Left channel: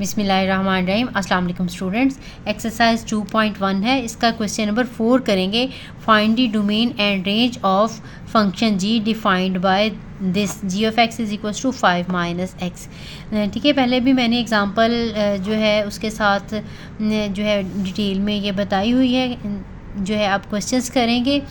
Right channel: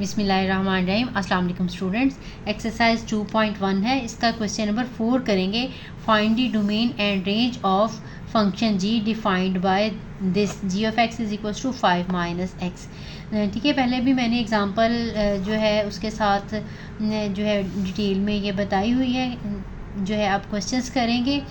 बिस्मिल्लाहिर्रहमानिर्रहीम। अस्सलाम वालेकुम स्टूडेंट्स। एक्सरसाइज 2.1 है, इसका क्वेश्चन नंबर 4 करेंगे। Find the domain and range of function G defined by this G of x is equals to 5 minus X. ठीक है, पहले भी मैंने एग्जांपल जो है उसके साथ जो है डिटेल में ये बताई हुई है। जो है आप क्वेश्चंस करेंगे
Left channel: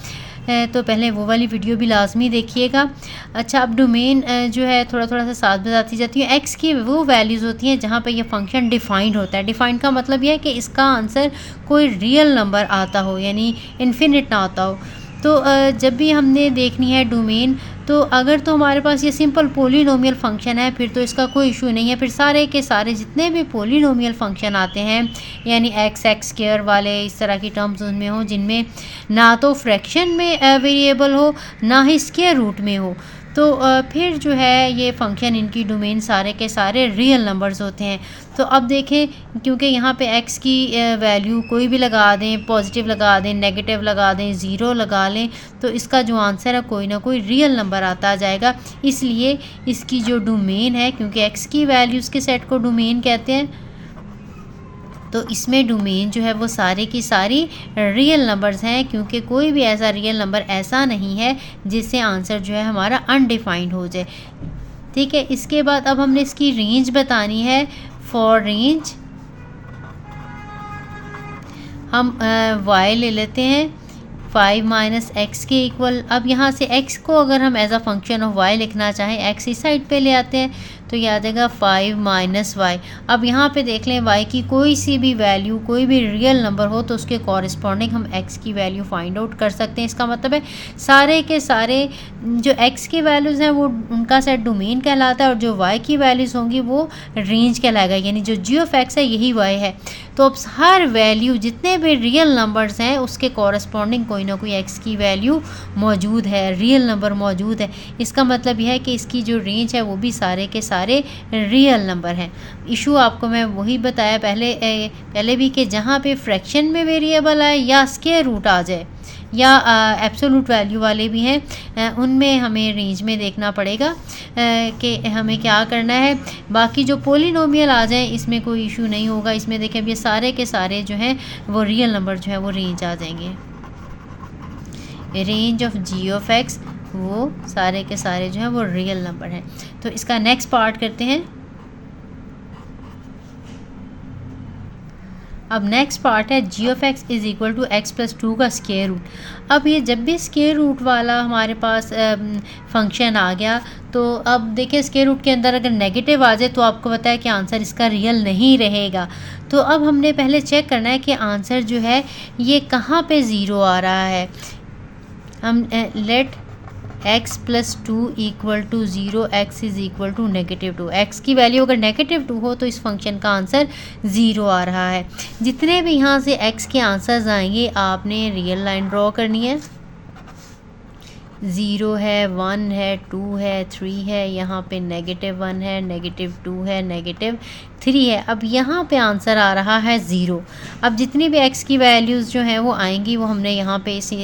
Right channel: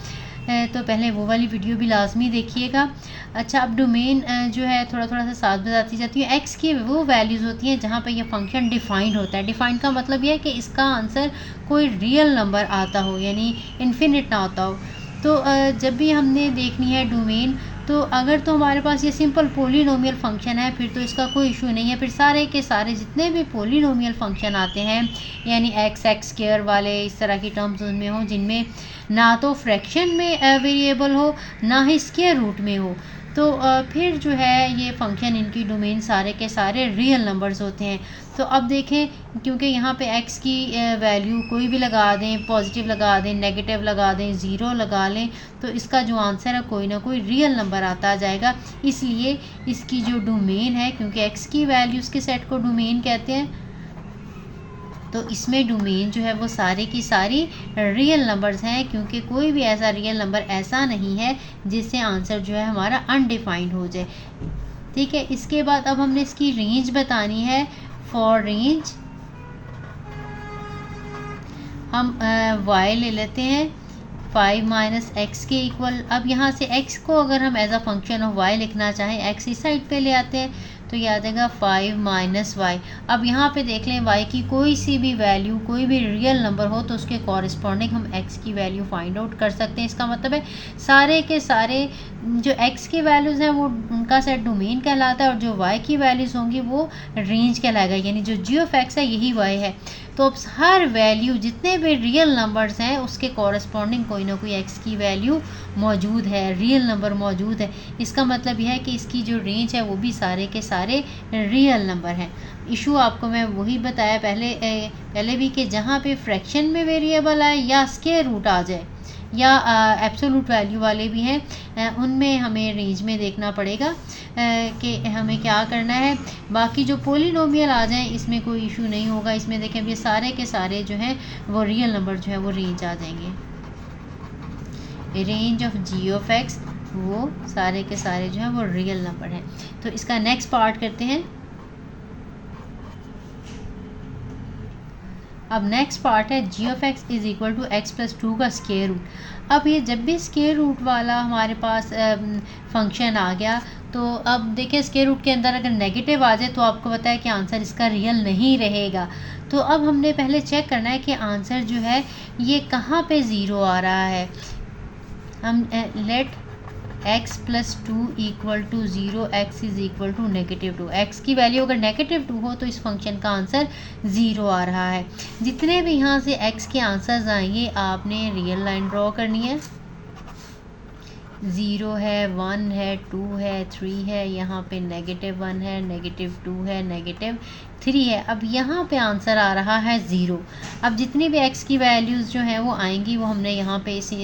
तो पहले वो वाली वीडियो भी लाजमी देखिएगा। अच्छा, अब डोमेन जो है थोड़ा सा साथ बताती जाती है। एक्स की वो वैल्यूज़ होती हैं जहाँ पे ये फंक्शन डिफाइंड होता है। डिफाइंड का मतलब ये है कि इसका आंसर कोई रियल नंबर आता हो, यानी इन्फिनिट ना आता हो। तो जब भी हमने देखनी है डोमेन, तो अगर तो हमारे पास ये सिंपल पोलिनोमियल फंक्शन है फिर तो इसका कोई इशू नहीं है। फिर सारे के सारे जितने भी पोलिनोमियल फंक्शन आते हैं, यानी एक्स स्क्वायर वाले इस तरह की टर्म्स उनमें हो जिनमें ना तो फ्रैक्शन में वेरिएबल हो ना ही स्क्वायर रूट में हो, तो फिर जो है ये फंक्शन इनकी डोमेन सारे के सारे रियल नंबर्स होते हैं। तो अब देखें, क्योंकि यहाँ पे x की वैल्यू कोई भी लगा दें, पॉजिटिव लगा दें, नेगेटिव लगा दें, ज़ीरो लगा लें, तो इसका जो आंसर है कोई ना कोई रियल नंबर आता जाएगा। इसलिए इसकी जो डोमेन है, क्योंकि x की वैल्यूज़ के सेट को डोमेन कहते हैं, तो इसमें डोमेन जो है वो सारे की सारी रियल नंबर्स हैं, क्योंकि कोई भी ऐसा रियल नंबर ऐसा नहीं है जिससे आंसर जो है हमारा अनडिफाइंड हो जाए। ठीक है, इसके बाद अब हमने इसकी रेंज बतानी है। फॉर रेंज हम y ले लेते हैं 5 माइनस एक्स के इक्वल। अब यहाँ से x को अगर हम as a function of y लिखना चाहें, x इस साइड पे ले आते हैं तो ये आ जाएगा 5 माइनस वाई। अब यहाँ पे देख लें, y की कोई सी भी वैल्यू, कोई भी रियल नंबर हो तो उसके कॉरस्पॉन्डिंग हम x की वैल्यू फाइंड आउट कर सकते हैं। इसका मतलब है सारे के सारे जो x की वैल्यूज़ हैं वो उनका सेट डोमेन कहलाता है, और जो y की वैल्यूज़ होंगी वो रेंज कहलाएगा, यानी जो जी ऑफ एक्स है यही y है। तो अब हर वैल्यू जितने भी रियल नंबर्स हैं उसके कॉरस्पॉन्डिंग कोई ना कोई x की वैल्यू मौजूद है, रियल नंबर मौजूद है। इसका मतलब यह है कि इसकी जो रेंज है वो भी सारे के सारे रियल नंबर हैं। इशू आपको मैं वही बताया पहले भी कि जहाँ पे फ्रैक्शन में वेरिएबल आए या स्क्वायर रूट आ जाए या एब्सोल्यूट वैल्यू वाले भी हैं, उनमें हमें रेंज में देखना पड़ेगा कि हमें क्या करना है। बाकी जो पोलिनोमियल आ जाए इसमें कोई इशू नहीं होगा। इसमें देखें, अब ये सारे के सारे जो हैं वो रियल नंबर जो है वो रेंज आ जाएंगे। Range of G of x वो सारे के सारे जो हैं वो रियल नंबर हैं। तो इसका नेक्स्ट पार्ट करते हैं। अब नेक्स्ट पार्ट है g of x is equal to x plus 2 का स्क्वायर रूट। अब ये जब भी स्क्वायर रूट वाला हमारे पास फंक्शन आ गया, तो अब देखिए स्क्वायर रूट के अंदर अगर नेगेटिव आ जाए तो आपको पता है कि आंसर इसका रियल नहीं रहेगा। तो अब हमने पहले चेक करना है कि आंसर जो है ये कहाँ पे ज़ीरो आ रहा है। हम let x plus 2 equal to 0, x is equal to -2। X की वैल्यू अगर -2 हो तो इस फंक्शन का आंसर 0 आ रहा है। जितने भी यहाँ से x के आंसर्स आएंगे आपने रियल लाइन ड्रॉ करनी है। 0 है, 1 है, 2 है, 3 है, यहाँ पे -1 है, -2 है, -3 है। अब यहाँ पे आंसर आ रहा है 0। अब जितनी भी x की वैल्यूज़ जो हैं वो आएंगी वो हमने यहाँ पे इसी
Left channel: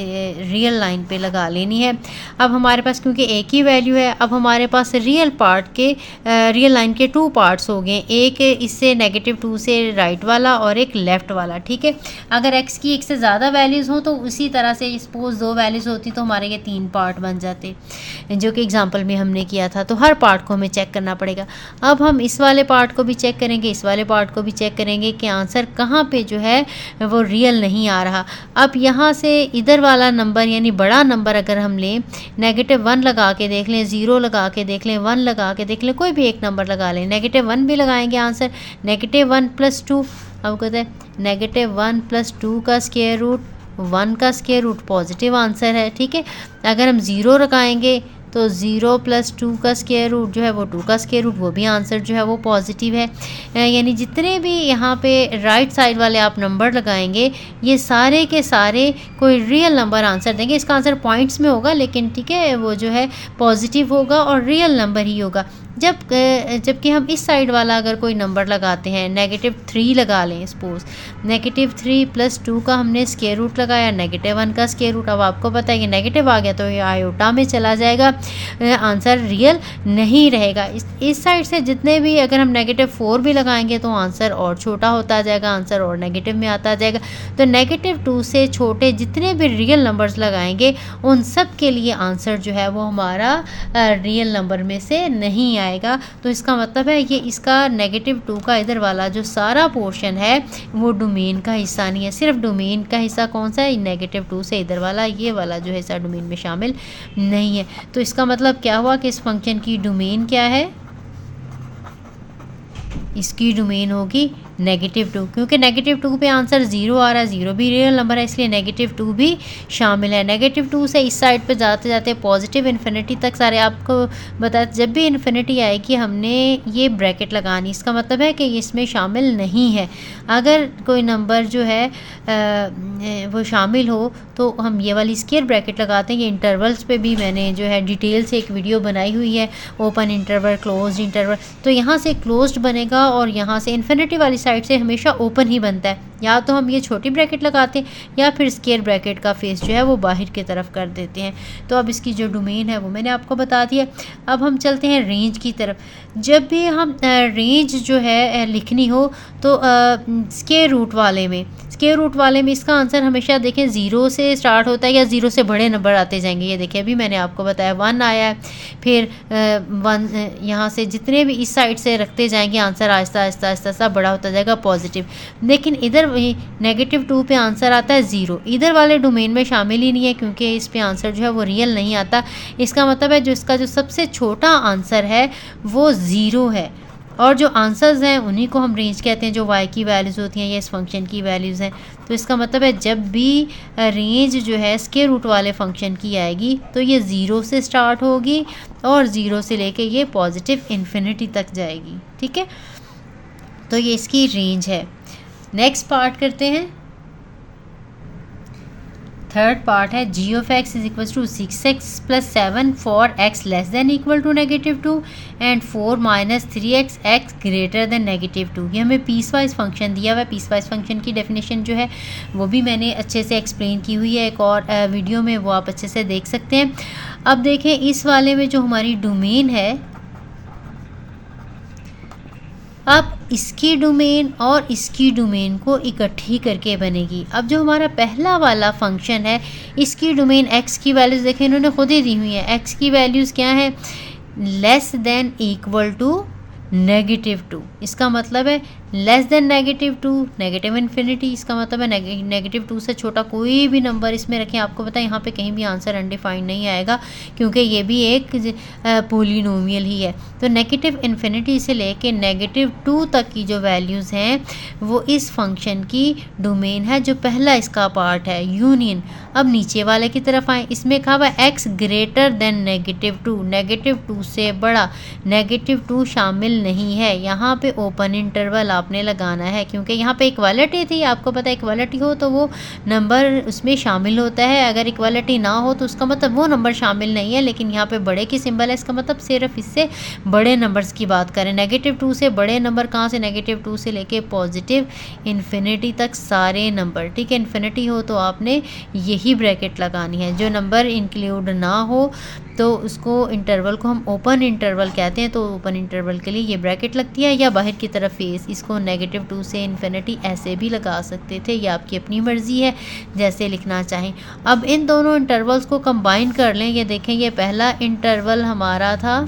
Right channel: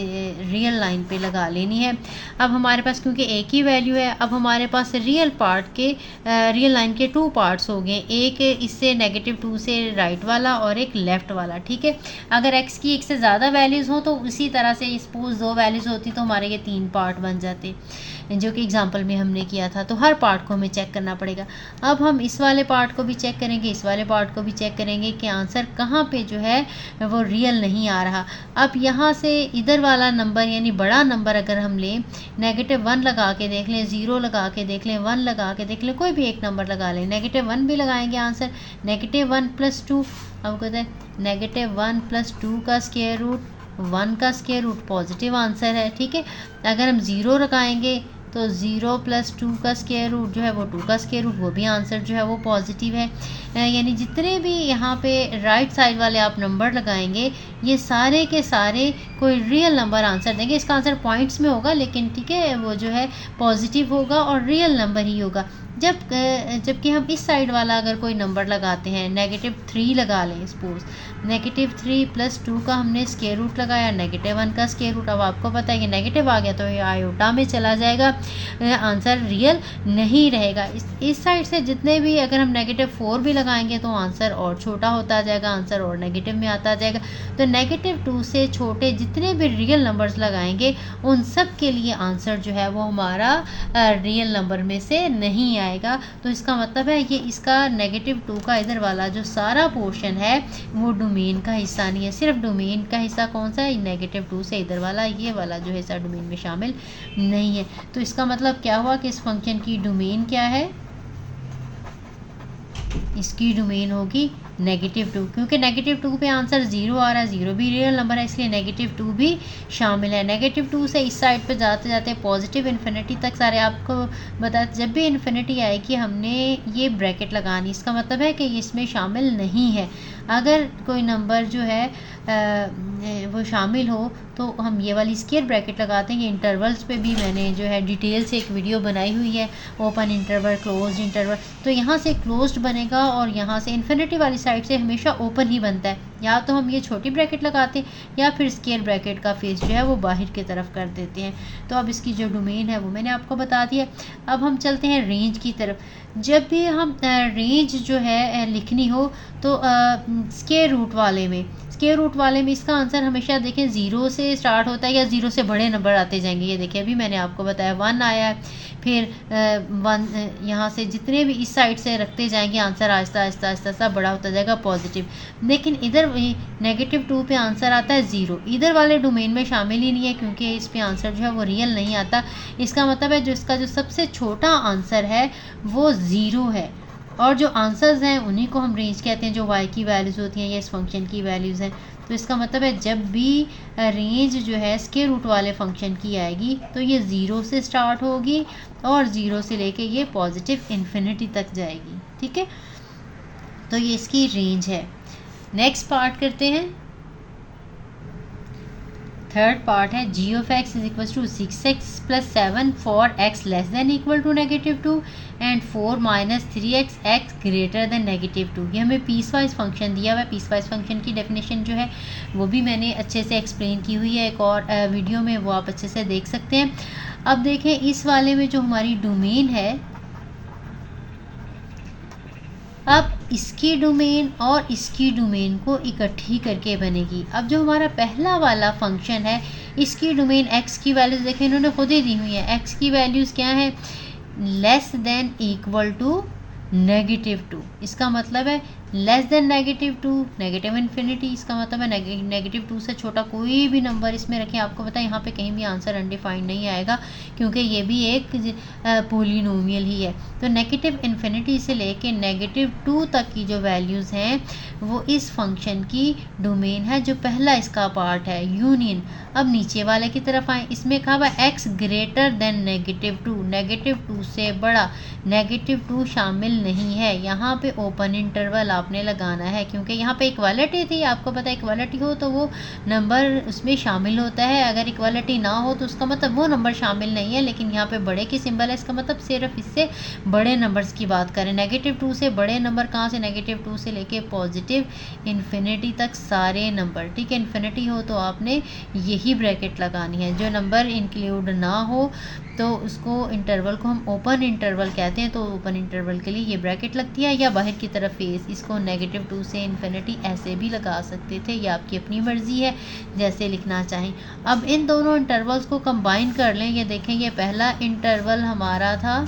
रियल लाइन पे लगा लेनी है। अब हमारे पास क्योंकि एक ही वैल्यू है, अब हमारे पास रियल लाइन के 2 पार्ट्स हो गए, एक इससे -2 से राइट वाला और एक लेफ़्ट वाला। ठीक है, अगर x की एक से ज़्यादा वैल्यूज़ हो तो उसी तरह से सपोज 2 वैल्यूज़ होती तो हमारे ये 3 पार्ट बन जाते, जो कि एग्जांपल में हमने किया था। तो हर पार्ट को हमें चेक करना पड़ेगा। अब हम इस वाले पार्ट को भी चेक करेंगे, इस वाले पार्ट को भी चेक करेंगे कि आंसर कहाँ पे जो है वो रियल नहीं आ रहा। अब यहाँ से इधर वाला नंबर यानी बड़ा नंबर अगर हम लें, -1 लगा के देख लें, 0 लगा के देख लें, 1 लगा के देख लें, कोई भी एक नंबर लगा लें। -1 भी लगाएंगे, आंसर -1 प्लस 2। अब कहते हैं -1 प्लस 2 का स्क्वायर रूट, 1 का स्क्वायर रूट पॉजिटिव आंसर है। ठीक है, अगर हम 0 लगाएंगे तो 0 प्लस 2 का स्क्वायर रूट जो है वो 2 का स्क्वायर रूट, वो भी आंसर जो है वो पॉजिटिव है। यानी जितने भी यहाँ पे राइट साइड वाले आप नंबर लगाएंगे ये सारे के सारे कोई रियल नंबर आंसर देंगे। इसका आंसर पॉइंट्स में होगा लेकिन ठीक है वो जो है पॉजिटिव होगा और रियल नंबर ही होगा। जबकि हम इस साइड वाला अगर कोई नंबर लगाते हैं, -3 लगा लें सपोज, -3 + 2 का हमने स्क्वायर रूट लगाया, -1 का स्क्वायर रूट। अब आपको पता है कि नेगेटिव आ गया तो ये आयोटा में चला जाएगा, आंसर रियल नहीं रहेगा। इस साइड से जितने भी अगर हम -4 भी लगाएंगे तो आंसर और छोटा होता जाएगा, आंसर और नेगेटिव में आता जाएगा। तो -2 से छोटे जितने भी रियल नंबर्स लगाएंगे उन सब के लिए आंसर जो है वो हमारा रियल नंबर में से नहीं आएगा। तो इसका मतलब है कि इसका -2 का इधर वाला जो सारा पोर्शन है वो डोमेन का हिस्सा नहीं है। सिर्फ डोमेन का हिस्सा कौन सा है, -2 से इधर वाला, ये वाला जो हिस्सा डोमेन में शामिल नहीं है। तो इसका मतलब क्या हुआ कि इस फंक्शन की डोमेन क्या है, इसकी डोमेन होगी -2, क्योंकि -2 पे आंसर 0 आ रहा है, 0 भी रियल नंबर है, इसलिए -2 भी शामिल है। -2 से इस साइड पे जाते जाते पॉजिटिव इन्फिनिटी तक सारे आपको बता, जब भी इन्फिनिटी आएगी हमने ये ब्रैकेट लगानी, इसका मतलब है कि इसमें शामिल नहीं है। अगर कोई नंबर जो है वो शामिल हो तो हम ये वाली स्क्वायर ब्रैकेट लगाते हैं। ये इंटरवल्स पे भी मैंने जो है डिटेल से एक वीडियो बनाई हुई है, ओपन इंटरवल, क्लोज्ड इंटरवल। तो यहाँ से क्लोज्ड बनेगा और यहाँ से इन्फिनिटी वाली साइड से हमेशा ओपन ही बनता है। या तो हम ये छोटी ब्रैकेट लगाते हैं या फिर स्क्वायर ब्रैकेट का फेस जो है वो बाहर की तरफ कर देते हैं। तो अब इसकी जो डोमेन है वो मैंने आपको बता दिया। अब हम चलते हैं रेंज की तरफ। जब भी हम रेंज जो है लिखनी हो तो स्क्वायर रूट वाले में इसका आंसर हमेशा देखें 0 से स्टार्ट होता है या 0 से बड़े नंबर आते जाएंगे। ये देखिए अभी मैंने आपको बताया 1 आया है, फिर 1 यहाँ से जितने भी इस साइड से रखते जाएंगे आंसर आहिस्ता आहिस्ता आहिस्ता आहिस्ता बड़ा होता जाएगा पॉजिटिव। लेकिन इधर -2 पे आंसर आता है 0, इधर वाले डोमेन में शामिल ही नहीं है क्योंकि इस पे आंसर जो है वो रियल नहीं आता। इसका मतलब है जो इसका जो सबसे छोटा आंसर है वो 0 है, और जो आंसर्स हैं उन्हीं को हम रेंज कहते हैं, जो y की वैल्यूज़ होती हैं या इस फंक्शन की वैल्यूज़ हैं। तो इसका मतलब है जब भी रेंज जो है स्क्वायर रूट वाले फंक्शन की आएगी तो ये 0 से स्टार्ट होगी और 0 से लेके ये पॉजिटिव इन्फिनिटी तक जाएगी। ठीक है, तो ये इसकी रेंज है। नेक्स्ट पार्ट करते हैं। थर्ड पार्ट है g(x) = 6x + 7 for x less than equal to -2 and 4 - 3x x greater than -2। ये हमें पीस वाइज फंक्शन दिया हुआ है। पीस वाइज फंक्शन की डेफिनेशन जो है वो भी मैंने अच्छे से एक्सप्लेन की हुई है एक और वीडियो में, वो आप अच्छे से देख सकते हैं। अब देखें इस वाले में जो हमारी डोमेन है, अब इसकी डोमेन और इसकी डोमेन को इकट्ठी करके बनेगी। अब जो हमारा पहला वाला फंक्शन है इसकी डोमेन x की वैल्यूज़ देखें इन्होंने खुद ही दी हुई है। x की वैल्यूज़ क्या है, << -2। इसका मतलब है <<2 नेगेटिव इन्फिनिटी। इसका मतलब है -2 से छोटा कोई भी नंबर इसमें रखें, आपको पता है यहाँ पे कहीं भी आंसर अनडिफाइंड नहीं आएगा क्योंकि ये भी एक पोलिनोमियल ही है। तो -इन्फिनिटी से लेके -2 तक की जो वैल्यूज़ हैं वो इस फंक्शन की डोमेन है, जो पहला इसका पार्ट है यूनियन। अब नीचे वाले की तरफ आए, इसमें कहा हुआ x ग्रेटर देन -2, -2 से बड़ा, -2 शामिल नहीं है। यहाँ पे ओपन इंटरवल आपने लगाना है क्योंकि यहाँ पे इक्वालिटी थी, आपको पता है इक्वालिटी हो तो वो नंबर उसमें शामिल होता है, अगर इक्वालिटी ना हो तो उसका मतलब वो नंबर शामिल नहीं है। लेकिन यहाँ पे बड़े की सिंबल है, इसका मतलब सिर्फ इससे बड़े नंबर्स की बात करें। -2 से बड़े नंबर कहाँ से, -2 से लेके पॉजिटिव इन्फिनिटी तक सारे नंबर। ठीक है, इन्फिनिटी हो तो आपने यही ब्रैकेट लगानी है। जो नंबर इंक्लूड ना हो तो उसको इंटरवल को हम ओपन इंटरवल कहते हैं, तो ओपन इंटरवल के लिए ये ब्रैकेट लगती है, या बाहर की तरफ फेस। इसको -2 से इन्फिनिटी ऐसे भी लगा सकते थे, ये आपकी अपनी मर्ज़ी है जैसे लिखना चाहें। अब इन दोनों इंटरवल्स को कंबाइन कर लें। ये देखें ये पहला इंटरवल हमारा था,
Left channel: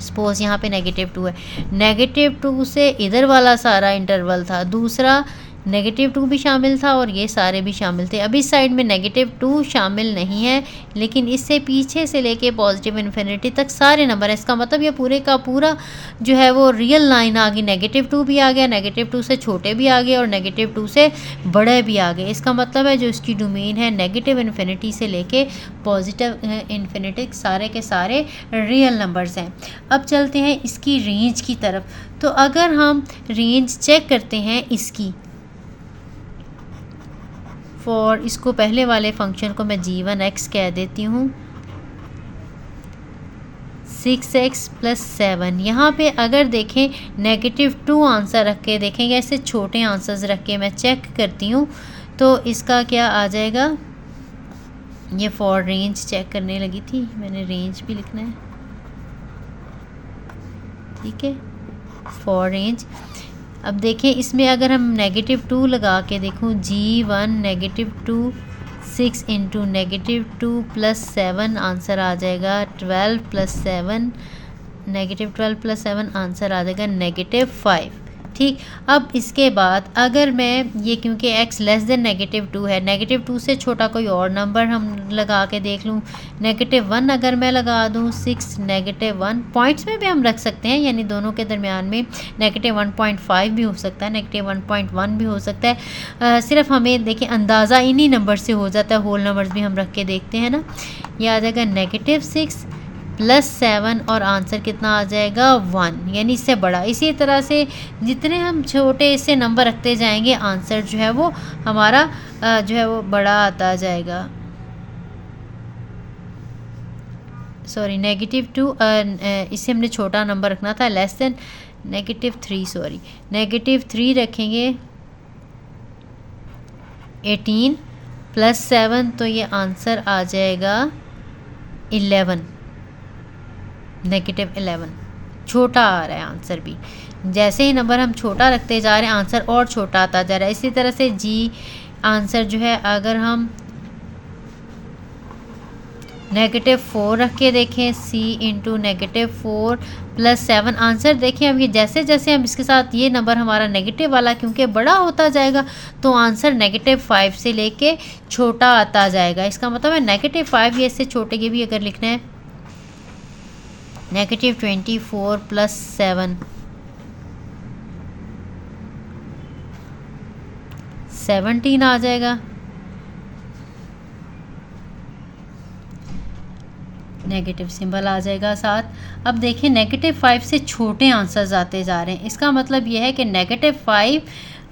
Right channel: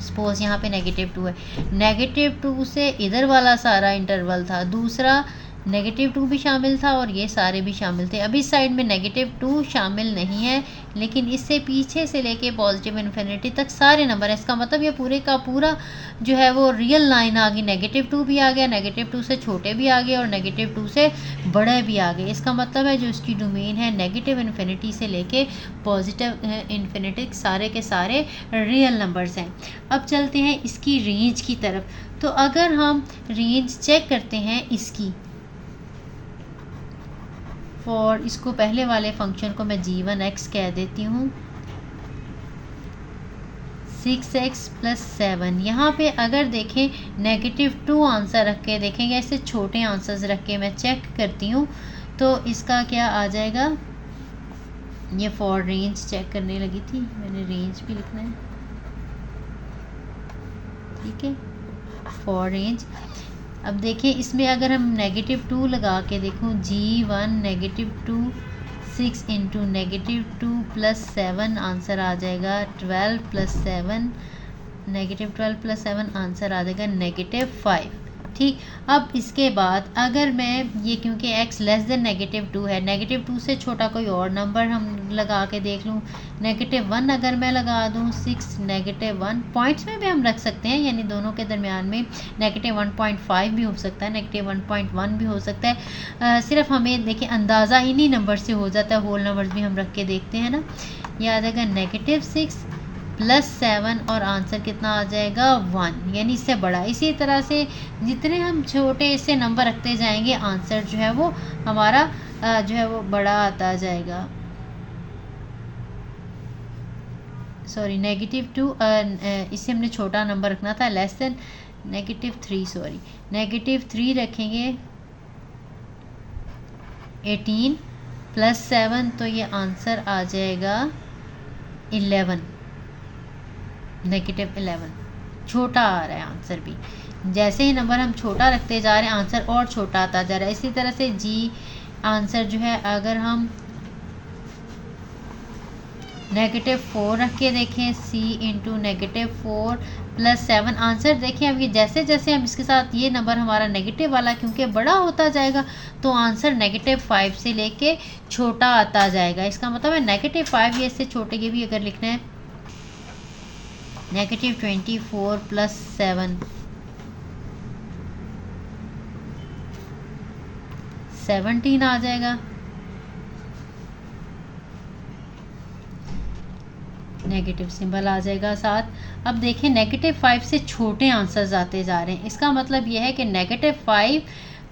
सपोज यहाँ पे -2 है, -2 से इधर वाला सारा इंटरवल था, दूसरा -2 भी शामिल था और ये सारे भी शामिल थे। अभी साइड में -2 शामिल नहीं है, लेकिन इससे पीछे से लेके पॉजिटिव इन्फिनिटी तक सारे नंबर है। इसका मतलब ये पूरे का पूरा जो है वो रियल लाइन आ गई। -2 भी आ गया, -2 से छोटे भी आ गए और -2 से बड़े भी आ गए। इसका मतलब है जो इसकी डोमेन है नेगेटिव इन्फिनिटी से लेके पॉजिटिव इन्फिनिटी सारे के सारे रियल नंबर्स हैं। अब चलते हैं इसकी रेंज की तरफ। तो अगर हम रेंज चेक करते हैं इसकी, फॉर इसको पहले वाले फंक्शन को मैं g1x कह देती हूँ, 6x+7। यहाँ पे अगर देखें -2 आंसर रख के देखेंगे, ऐसे छोटे आंसर्स रख के मैं चेक करती हूँ तो इसका क्या आ जाएगा। ये फॉर रेंज चेक करने लगी थी, मैंने रेंज भी लिखना है, ठीक है, फॉर रेंज। अब देखिए इसमें अगर हम -2 लगा के देखूँ, G1 -2 6 इंटू -2 + 7 आंसर आ जाएगा 12 + 7, -12 + 7 आंसर आ जाएगा -5। ठीक, अब इसके बाद अगर मैं ये, क्योंकि x लेस देन -2 है, -2 से छोटा कोई और नंबर हम लगा के देख लूँ, -1 अगर मैं लगा दूँ 6 -1, पॉइंट्स में भी हम रख सकते हैं, यानी दोनों के दरमियान में -1.5 भी हो सकता है, -1.1 भी हो सकता है। सिर्फ हमें देखिए अंदाज़ा इन्हीं नंबर से हो जाता है, होल नंबर्स भी हम रख के देखते हैं ना। ये आ जाएगा -6 + 7 और आंसर कितना आ जाएगा 1, यानी इससे बड़ा। इसी तरह से जितने हम छोटे इससे नंबर रखते जाएंगे आंसर जो है वो हमारा जो है वो बड़ा आता जाएगा। सॉरी, -2 इससे हमने छोटा नंबर रखना था, लेस देन -3, सॉरी -3 रखेंगे 18 + 7, तो ये आंसर आ जाएगा 11, -11। छोटा आ रहा है आंसर भी, जैसे ही नंबर हम छोटा रखते जा रहे हैं आंसर और छोटा आता जा रहा है। इसी तरह से जी आंसर जो है अगर हम -4 रख के देखें, C इंटू -4 + 7 आंसर देखिए। अब ये जैसे जैसे हम इसके साथ ये नंबर हमारा नेगेटिव वाला क्योंकि बड़ा होता जाएगा तो आंसर -5 से लेके छोटा आता जाएगा। इसका मतलब है -5 या इससे छोटे के भी अगर लिखना है, -24 + 7 17 आ जाएगा। नेगेटिव सिंबल आ जाएगा साथ। अब देखिए -5 से छोटे आंसर्स आते जा रहे हैं, इसका मतलब यह है कि -5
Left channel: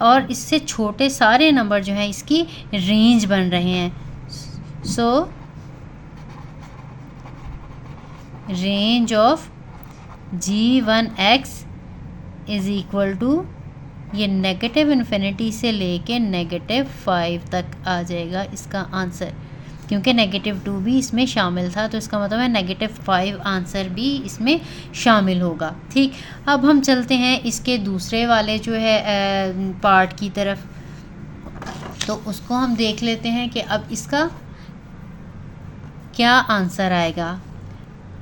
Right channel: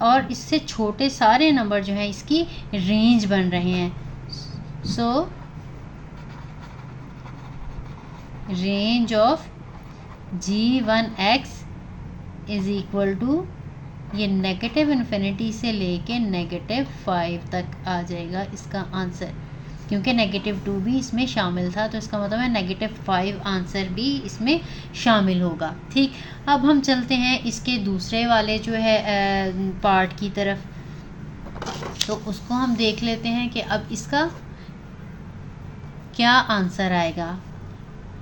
और इससे छोटे सारे नंबर जो हैं इसकी रेंज बन रहे हैं। So range of G1x is equal to, ये -∞ से लेके -5 तक आ जाएगा इसका आंसर, क्योंकि -2 भी इसमें शामिल था, तो इसका मतलब है -5 आंसर भी इसमें शामिल होगा। ठीक, अब हम चलते हैं इसके दूसरे वाले जो है पार्ट की तरफ, तो उसको हम देख लेते हैं कि अब इसका क्या आंसर आएगा।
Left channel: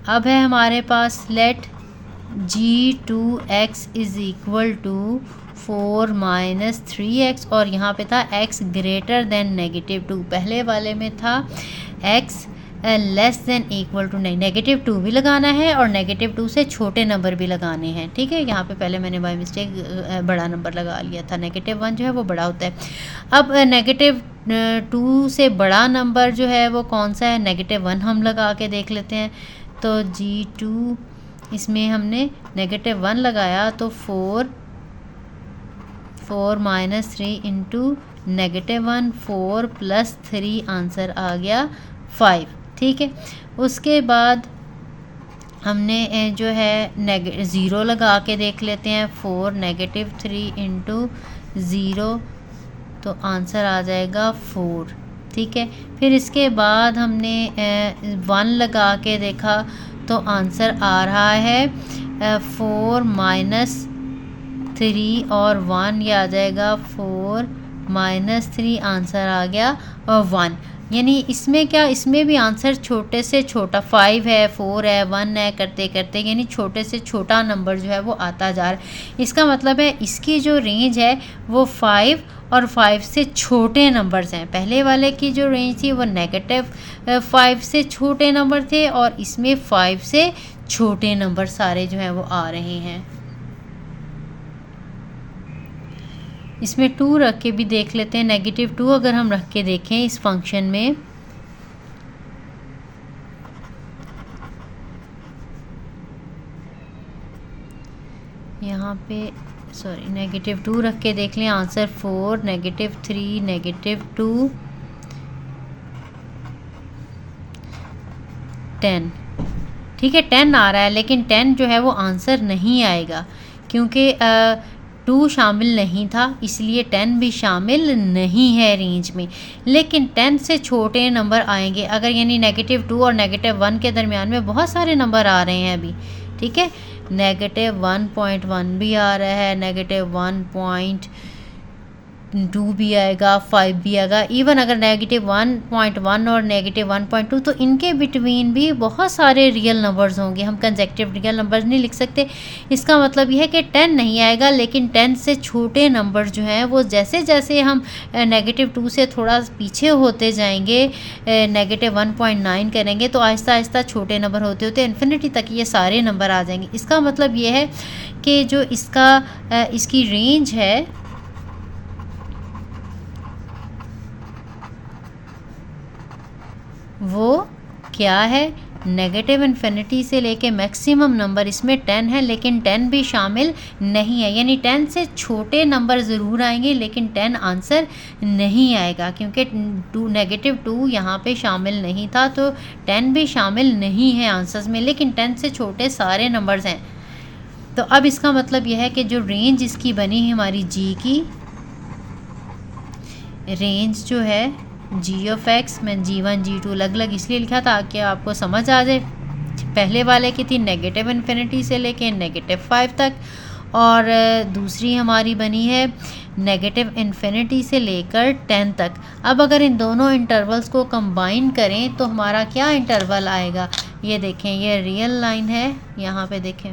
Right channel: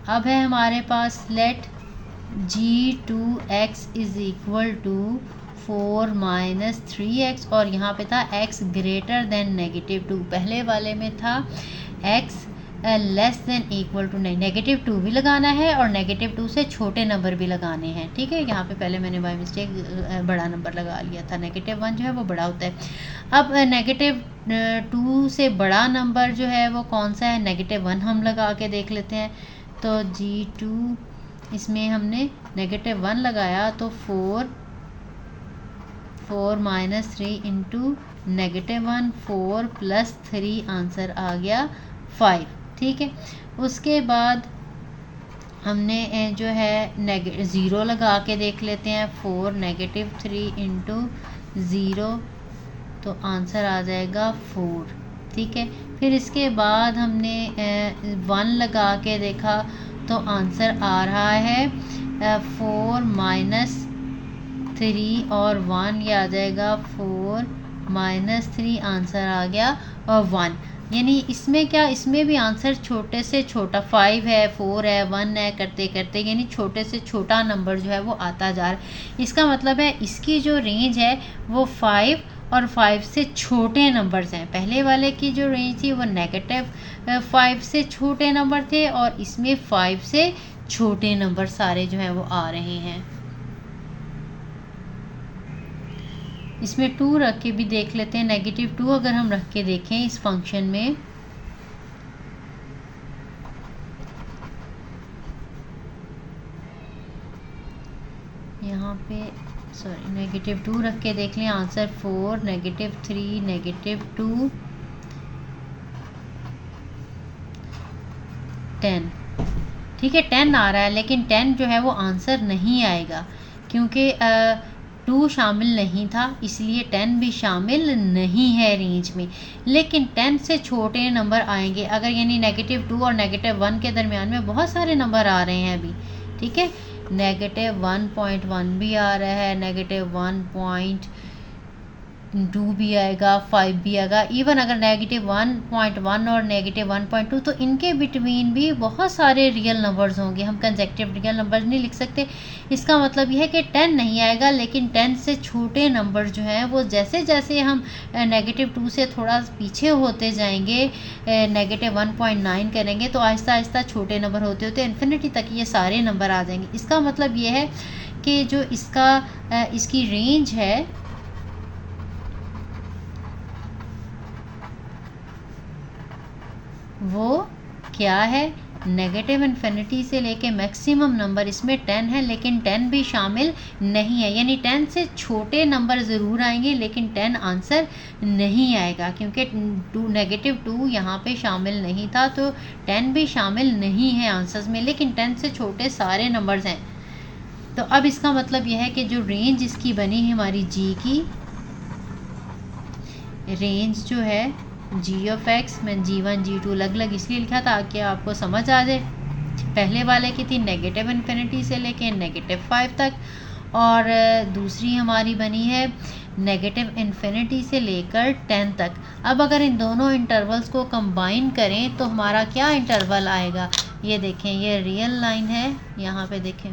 अब है हमारे पास let G2x is equal to 4 - 3x, और यहाँ पे था x ग्रेटर देन -2, पहले वाले में था x less than equal to, नहीं -2 भी लगाना है और -2 से छोटे नंबर भी लगाने हैं। ठीक है, यहाँ पे पहले मैंने बाय मिस्टेक बड़ा नंबर लगा लिया था, -1 जो है वो बड़ा होता है। अब -2 से बड़ा नंबर जो है वो कौन सा है, -1 हम लगा के देख लेते हैं। तो G2 इसमें हमने -1 लगाया तो 4 - 3 इंटू -1, 4 + 3 आंसर आ गया 5। ठीक है, उसके बाद हमने जो है 0 लगा के देख लेते हैं, 4 - 3 इंटू 0, तो आंसर आ जाएगा 4। ठीक है, फिर इसके बाद हमने 1 लगा के देखा तो आंसर आ रहा है 4 - 3 और 1, ये आ जाएगा 4 - 3, आंसर आ गया 1। यानी इसमें क्या, इसमें भी आंसर छोटे से छोटा 5 है, 4 है, 1 है, करते करते यानी छोटे से छोटा नंबर जो है वो आता जा रहा है। इसका मतलब है इसकी जो रेंज है वो 5 और 5 से छोटे नंबर्स हैं। पहले वाले की जो रेंज थी वो -5 से छोटे नंबर थे और इसमें 5 से छोटे नंबर सारे जो हैं वो आ रहे हैं। इसमें 2 रख के भी देख लेते हैं, -2 अगर हम रख के देखें इस फंक्शन में, यहाँ पे सॉरी -2 रख के देख लें, आंसर 4 -3 -2 10। ठीक है 10 आ रहा है, लेकिन 10 जो है वो आंसर नहीं आएगा क्योंकि 2 शामिल नहीं था, इसलिए 10 भी शामिल नहीं है रेंज में। लेकिन 10 से छोटे नंबर आएंगे अगर, यानी -2 और -1 के दरमियान में बहुत सारे नंबर आ रहे हैं अभी, ठीक है। -1.1 भी आ रहा है, -1.2 भी आएगा, 5 भी आएगा। इवन अगर -1.1 और -1.2, तो इनके बिटवीन भी बहुत सारे रियल नंबर्स होंगे। हम कंसेक्टिव रियल नंबर्स नहीं लिख सकते। इसका मतलब यह है कि 10 नहीं आएगा, लेकिन 10 से छोटे नंबर जो हैं वो जैसे जैसे हम -2 से थोड़ा पीछे होते जाएंगे, -1.9 करेंगे, तो आहिस्ता आहिस्ता छोटे नंबर होते होते इन्फिनिटी तक ये सारे नंबर आ जाएंगे। इसका मतलब ये है कि जो इसकी रेंज है वो क्या है, नेगेटिव इन्फिनिटी से लेके मैक्सिमम नंबर इसमें 10 है, लेकिन 10 भी शामिल नहीं है। यानी 10 से छोटे नंबर ज़रूर आएंगे, लेकिन 10 आंसर नहीं आएगा क्योंकि -2 यहाँ पे शामिल नहीं था, तो 10 भी शामिल नहीं है आंसर्स में, लेकिन 10 से छोटे सारे नंबर्स हैं। तो अब इसका मतलब यह है कि जो रेंज इसकी बनी है हमारी जी की रेंज जो है g(x), मैं g1 g2 अलग अलग इसलिए लिखा था कि आपको समझ आ जाए। पहले वाले की थी नेगेटिव इन्फिनिटी से लेके -5 तक, और दूसरी हमारी बनी है नेगेटिव इन्फिनिटी से लेकर 10 तक। अब अगर इन दोनों इंटरवल्स को कंबाइन करें तो हमारा क्या इंटरवल आएगा, ये देखें, ये रियल लाइन है, यहाँ पे देखें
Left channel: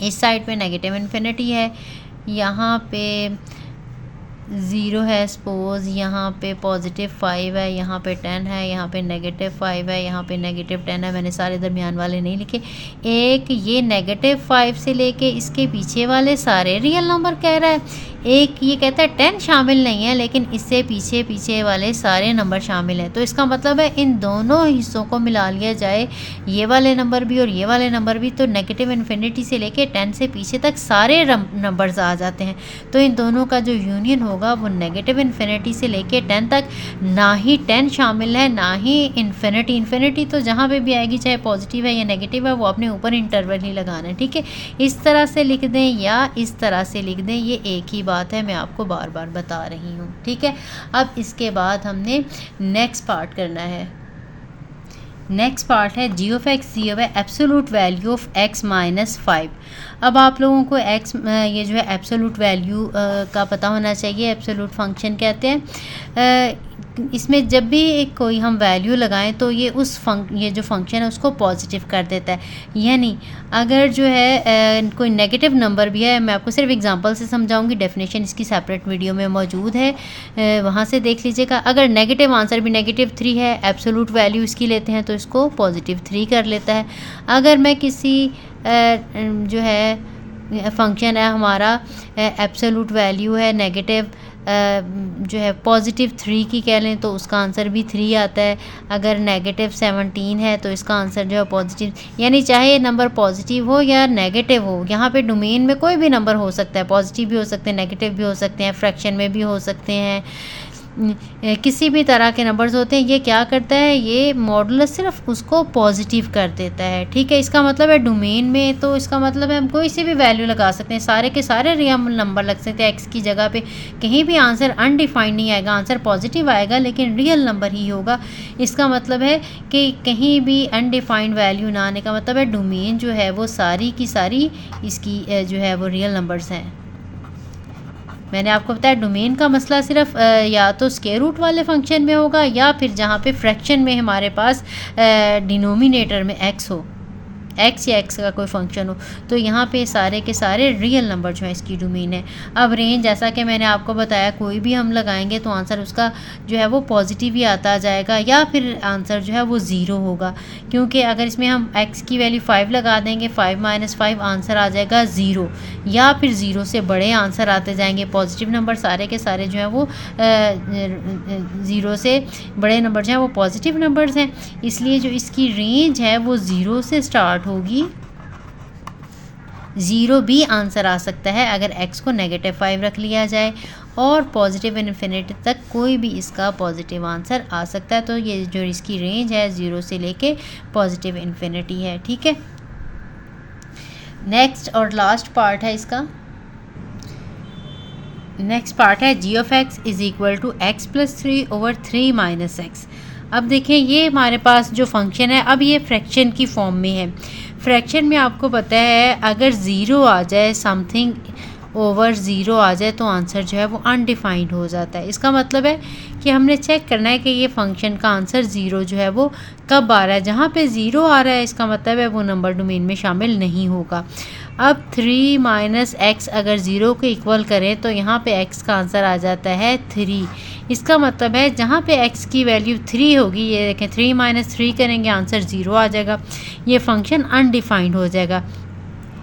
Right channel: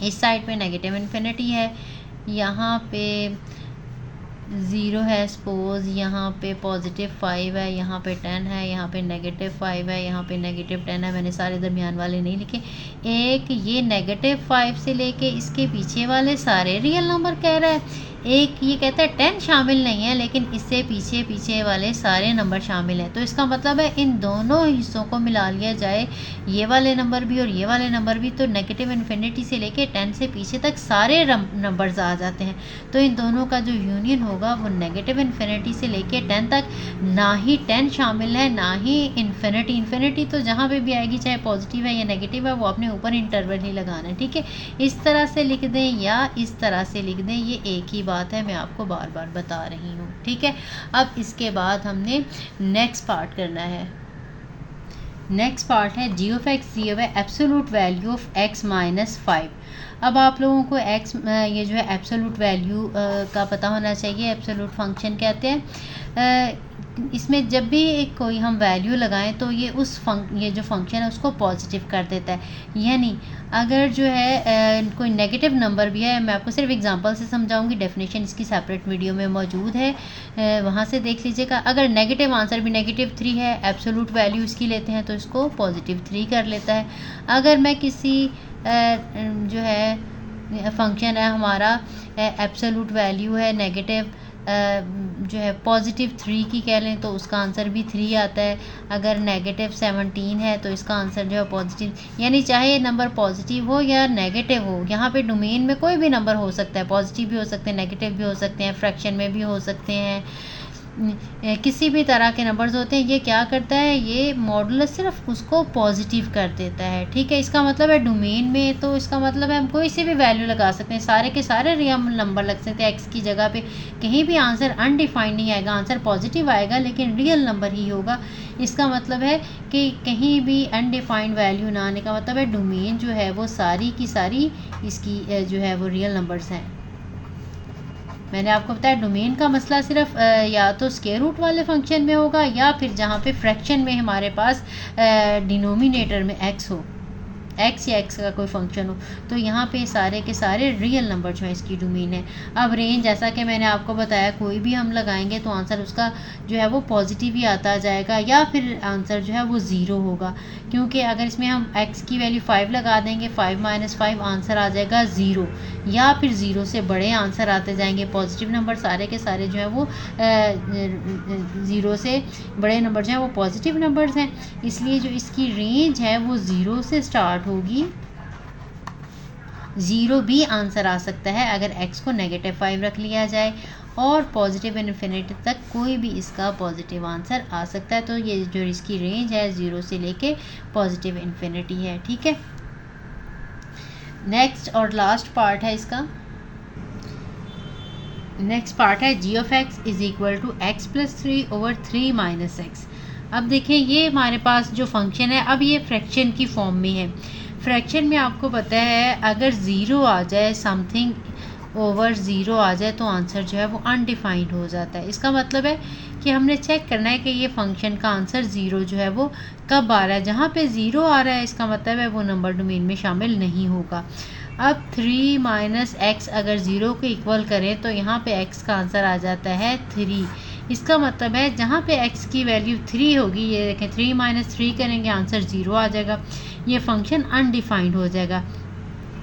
इस साइड पे नेगेटिव इन्फिनिटी है, यहाँ पे 0 है सपोज़, यहाँ पे +5 है, यहाँ पे 10 है, यहाँ पे -5 है, यहाँ पे -10 है। मैंने सारे दरमियान वाले नहीं लिखे। एक ये -5 से लेके इसके पीछे वाले सारे रियल नंबर कह रहा है, एक ये कहता है 10 शामिल नहीं है, लेकिन इससे पीछे पीछे वाले सारे नंबर शामिल हैं। तो इसका मतलब है इन दोनों हिस्सों को मिला लिया जाए, ये वाले नंबर भी और ये वाले नंबर भी, तो नेगेटिव इन्फिनिटी से लेके 10 से पीछे तक सारे नंबर्स आ जाते हैं। तो इन दोनों का जो यूनियन होगा वो नेगेटिव इन्फिनिटी से लेके 10 तक, ना ही 10 शामिल है ना ही इन्फिनिटी। इन्फिनिटी तो जहाँ पे भी आएगी, चाहे पॉजिटिव है या नेगेटिव है, वो अपने ऊपर इंटरवल ही लगाना है, ठीक है। इस तरह से लिख दें या इस तरह से लिख दें, ये एक ही बात है, मैं आपको बार बार बता रही हूँ, ठीक है। अब इसके बाद हमने नेक्स्ट पार्ट करना है। नेक्स्ट पार्ट है g(x) दी हुआ एब्सोलूट वैल्यू ऑफ x - 5। अब आप लोगों को x ये जो है एब्सोलूट वैल्यू का पता होना चाहिए। एब्सोलूट फंक्शन कहते हैं, इसमें जब भी कोई हम वैल्यू लगाएं तो ये ये जो फंक्शन है उसको पॉजिटिव कर देता है। यानी अगर जो है कोई नेगेटिव नंबर भी है, मैं आपको सिर्फ एग्जांपल से समझाऊंगी, डेफिनेशन इसकी सेपरेट वीडियो में मौजूद है, वहाँ से देख लीजिएगा। अगर नेगेटिव आंसर भी -3 है, एब्सोलूट वैल्यू इसकी लेते हैं तो इसको +3 कर लेता है। अगर मैं किसी जो है फंक्शन है हमारा, एब्सोलूट वैल्यू है नेगेटिव जो है +3 की कह लें, तो उसका आंसर भी 3 आता है। अगर -17 है तो इसका आंसर जो है पॉजिटिव, यानी चाहे नंबर पॉजिटिव हो या नेगेटिव हो, यहाँ पे डोमेन में कोई भी नंबर हो सकता है, पॉजिटिव भी हो सकते हैं, नेगेटिव भी हो सकते हैं, फ्रैक्शन में भी हो सकते हैं, किसी भी तरह के नंबर्स होते हैं। ये क्या करता है, ये मॉडुलस सिर्फ उसको पॉजिटिव कर देता है, ठीक है। इसका मतलब है डोमेन में, तो इसका मतलब है हम कोई सी भी वैल्यू लगा सकते हैं, सारे के सारे रियल नंबर लग सकते हैं। एक्स की जगह पे कहीं भी आंसर अनडिफाइंड नहीं आएगा, आंसर पॉजिटिव आएगा लेकिन रियल नंबर ही होगा। इसका मतलब है कि कहीं भी अनडिफाइंड वैल्यू ना आने का मतलब है डोमेन जो है वो सारी की सारी इसकी जो है वो रियल नंबर्स हैं। मैंने आपको बताया डोमेन का मसला सिर्फ या तो स्क्वायर रूट वाले फंक्शन में होगा, या फिर जहाँ पे फ्रैक्शन में हमारे पास डिनोमिनेटर में x हो, x या x का कोई फंक्शन हो, तो यहाँ पे सारे के सारे रियल नंबर जो है इसकी डोमेन है। अब रेंज, जैसा कि मैंने आपको बताया, कोई भी हम लगाएंगे तो आंसर उसका जो है वो पॉजिटिव ही आता जाएगा, या फिर आंसर जो है वो 0 होगा, क्योंकि अगर इसमें हम x की वैल्यू 5 लगा देंगे, 5 - 5 आंसर आ जाएगा 0, या फिर 0 से बड़े आंसर आते जाएंगे। पॉजिटिव नंबर सारे के सारे जो है वो 0 से बड़े नंबर जो हैं वो पॉजिटिव नंबर्स हैं, इसलिए जो इसकी रेंज है वो 0 से स्टार्ट होगी ज़ीरो भी आंसर आ सकता है अगर एक्स को -5 रख लिया जाए, और पॉजिटिव इन्फिनिटी तक कोई भी इसका पॉजिटिव आंसर आ सकता है। तो ये जो इसकी रेंज है 0 से लेके पॉजिटिव इन्फिनिटी है। ठीक है, नेक्स्ट और लास्ट पार्ट है इसका। नेक्स्ट पार्ट है g of x is equal to x plus 3/3 minus x. अब देखें, ये हमारे पास जो फंक्शन है अब ये फ्रैक्शन की फॉर्म में है। फ्रैक्शन में आपको पता है अगर ज़ीरो आ जाए, समथिंग ओवर ज़ीरो आ जाए, तो आंसर जो है वो अनडिफाइंड हो जाता है। इसका मतलब है कि हमने चेक करना है कि ये फंक्शन का आंसर ज़ीरो जो है वो कब आ रहा है। जहाँ पे ज़ीरो आ रहा है इसका मतलब है वो नंबर डोमेन में शामिल नहीं होगा। अब 3 माइनस एक्स अगर ज़ीरो को इक्वल करें तो यहाँ पे एक्स का आंसर आ जाता है 3। इसका मतलब है जहाँ पे एक्स की वैल्यू 3 होगी, ये देखें 3 माइनस 3 करेंगे आंसर 0 आ जाएगा, ये फंक्शन अनडिफाइंड हो जाएगा।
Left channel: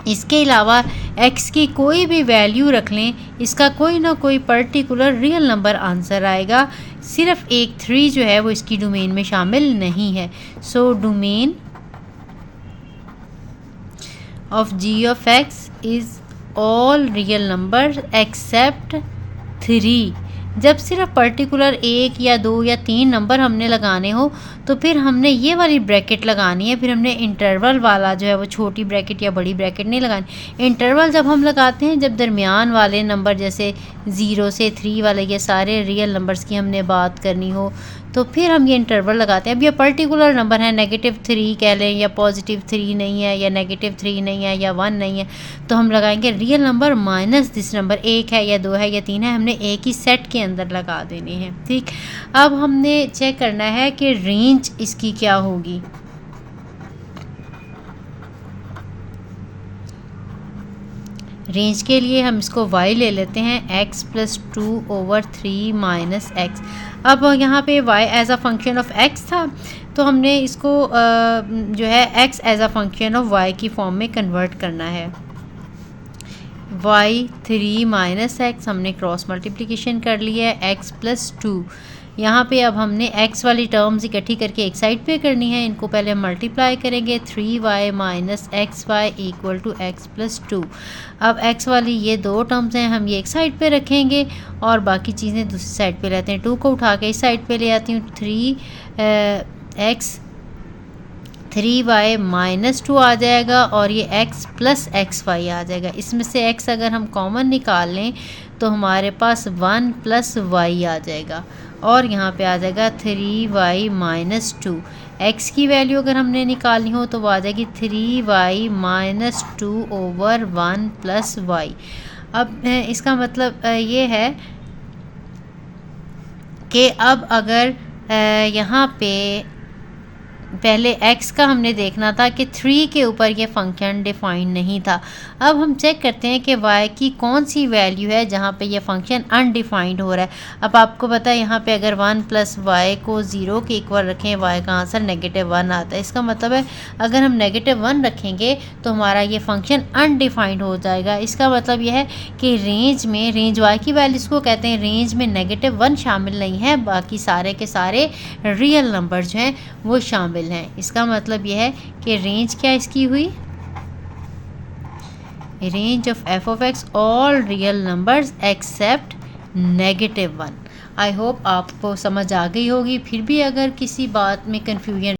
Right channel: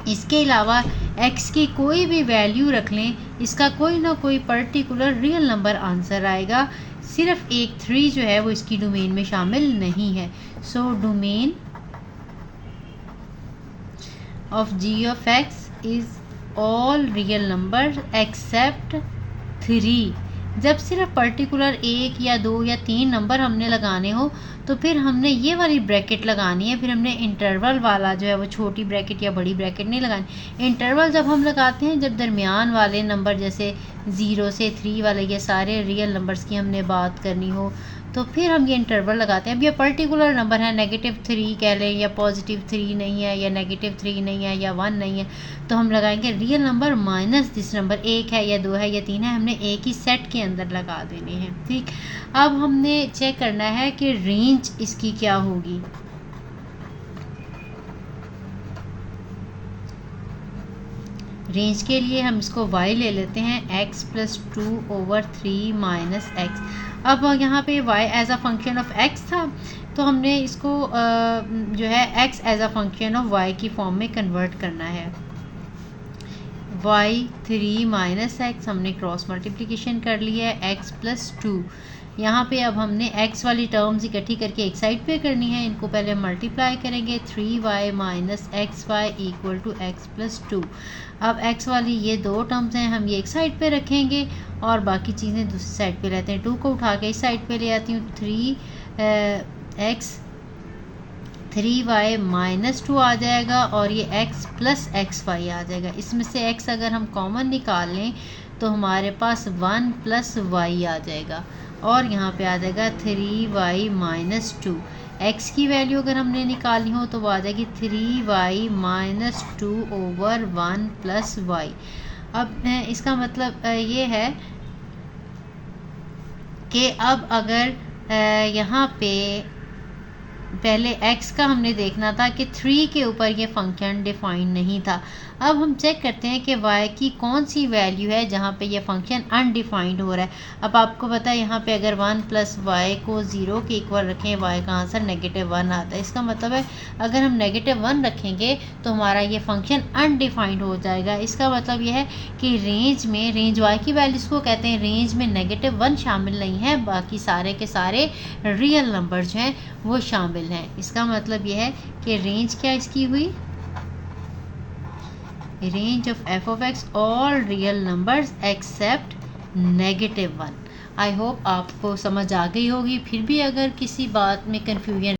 इसके अलावा x की कोई भी वैल्यू रख लें, इसका कोई ना कोई पर्टिकुलर रियल नंबर आंसर आएगा। सिर्फ एक 3 जो है वो इसकी डोमेन में शामिल नहीं है। So domain of g of x is all real number except 3। जब सिर्फ पर्टिकुलर 1 या 2 या 3 नंबर हमने लगाने हो तो फिर हमने ये वाली ब्रैकेट लगानी है, फिर हमने इंटरवल वाला जो है वो छोटी ब्रैकेट या बड़ी ब्रैकेट नहीं लगानी। इंटरवल जब हम लगाते हैं जब दरमियान वाले नंबर जैसे 0 से 3 वाले ये सारे रियल नंबर्स की हमने बात करनी हो तो फिर हम ये इंटरवल लगाते हैं। अब ये पर्टिकुलर नंबर है, -3 कह लें या +3 नहीं है या -3 नहीं है या 1 नहीं है, तो हम लगाएंगे real number minus this number, 1 है या 2 है या 3 है, हमने एक ही सेट के अंदर लगा देने हैं। ठीक, अब हमने चेक करना है कि रेंज इसकी क्या होगी। रेंज के लिए हम इसको y ले लेते हैं, x + 2/3 माइनस एक्स। अब यहाँ पे y as a function of x था तो हमने इसको जो है x as a function of y की फॉर्म में कन्वर्ट करना है। y 3 माइनस एक्स हमने क्रॉस मल्टीप्लिकेशन कर लिया है, x + 2। यहाँ पे अब हमने x वाली टर्म्स इकट्ठी करके एक साइड पे करनी है, इनको पहले मल्टीप्लाई करेंगे। 3y minus xy equal to x + 2। अब x वाली ये दो टर्म्स हैं, हम ये एक साइड पे रखेंगे और बाकी चीज़ें दूसरी साइड पे लेते हैं। 2 को उठा के इस साइड पे ले आती हूँ, 3x 3y माइनस 2 आ जाएगा और ये x + xy आ जाएगा। इसमें से x अगर हम कॉमन निकाल लें तो हमारे पास 1 + y आ जाएगा और यहाँ पे आ जाएगा 3y माइनस 2। x की वैल्यू अगर हमने निकालनी हो तो वो आ जाएगी 3y माइनस 2/1 + y। अब इसका मतलब ये है कि अब अगर यहाँ पे पहले x का हमने देखना था कि 3 के ऊपर ये फंक्शन डिफाइन नहीं था। अब हम चेक करते हैं कि y की कौन सी वैल्यू है जहाँ पे ये फंक्शन अनडिफाइंड हो रहा है। अब आपको पता है यहाँ पे अगर 1 + y को 0 के इक्वल रखें, y का आंसर -1 आता है। इसका मतलब है अगर हम -1 रखेंगे तो हमारा ये फंक्शन अनडिफाइंड हो जाएगा। इसका मतलब यह है कि रेंज y की वैल्यू इसको कहते हैं, रेंज में -1 शामिल नहीं है, बाकी सारे के सारे रियल नंबर जो हैं वो शामिल है। इसका मतलब यह है कि रेंज क्या इसकी हुई, range of f of x all real numbers accept -1। I hope आपको समझ आ गई होगी। फिर भी अगर किसी बात में कन्फ्यूजन